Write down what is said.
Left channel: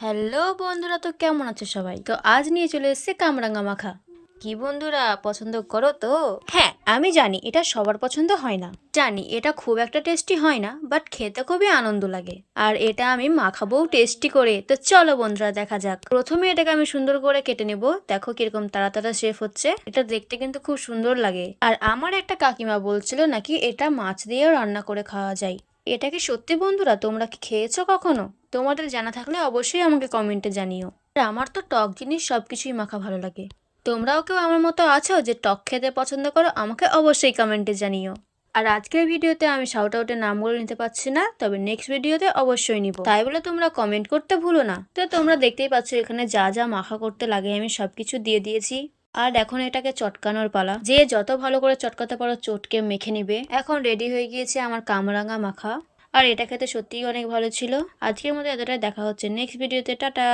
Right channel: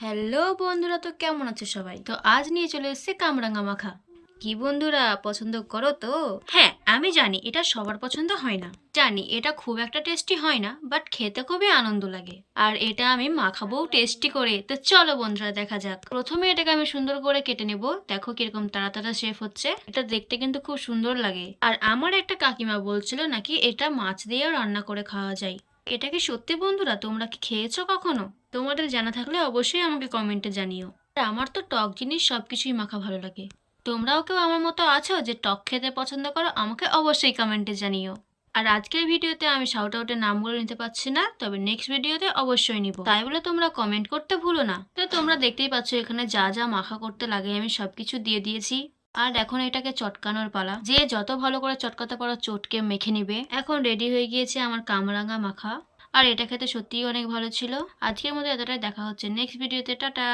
Hello বন্ধুরা, তো কেমন আছো সবাই? তো আজ নিয়ে চলে এসেছে কামরাঙা মাখা। কি বন্ধুরা, পছন্দ করো তো? হ্যাঁ, আমি জানি এটা সবার পছন্দ হয় না, জানি এটা খুব একটা টেস্টি হয় না, বাট খেতে খুবই আনন্দ লাগে। আর এটা আমি মাখাবোও টেস্টি করে। তো চলো বন্ধুরা, দেখা যাক। প্রথমে এটাকে আমি সুন্দর করে কেটে নেব। দেখো কিরকম তাড়াতাড়ি শেফ হচ্ছে। এটা দেখতে কিন্তু খুব সুন্দর লাগে। আর আমার একটা কাকিমা বলছিল নাকি এটা মাছ দিয়েও রান্না করে খাওয়া যায়। এটা কি সত্যি বন্ধুরা? তোমরা কি খেয়েছো কখনো? তোমাদের জানা থাকলে অবশ্যই আমাকে কমেন্টে জানিও। আর আমার তো টক জিনিস সবকিছুই মাখা ভালো লাগে। তোমরাও কেউ আমার মতো আছো যে টক খেতে পছন্দ করো? আমাকে অবশ্যই কমেন্টে জানিও। আর আজকের ভিডিওতে আমি শাউট আউটের নামগুলো নিতে পারছি না, তবে নেক্সট ভিডিওতে অবশ্যই নিব। তাই বলে তোমরা কমেন্ট করতে ভুলো না। তো তোমরা দেখতেই পাচ্ছ এখানে যা যা মাখা করতে লাগে আমি সবকিছু দিয়ে দিয়েছি। আর এখন এটাকে চটকানোর পালা। যে যত ভালো করে চটকাতে পারো চটকে মেখে নিবে। এখন রেডি হয়ে গিয়েছে আমার কামরাঙা মাখা। আর এটা খেতে সত্যিই অনেক ভালো ছিল। আজকের মতো এতটাই, দেখা হচ্ছে নেক্সট ভিডিওতে। টাটা।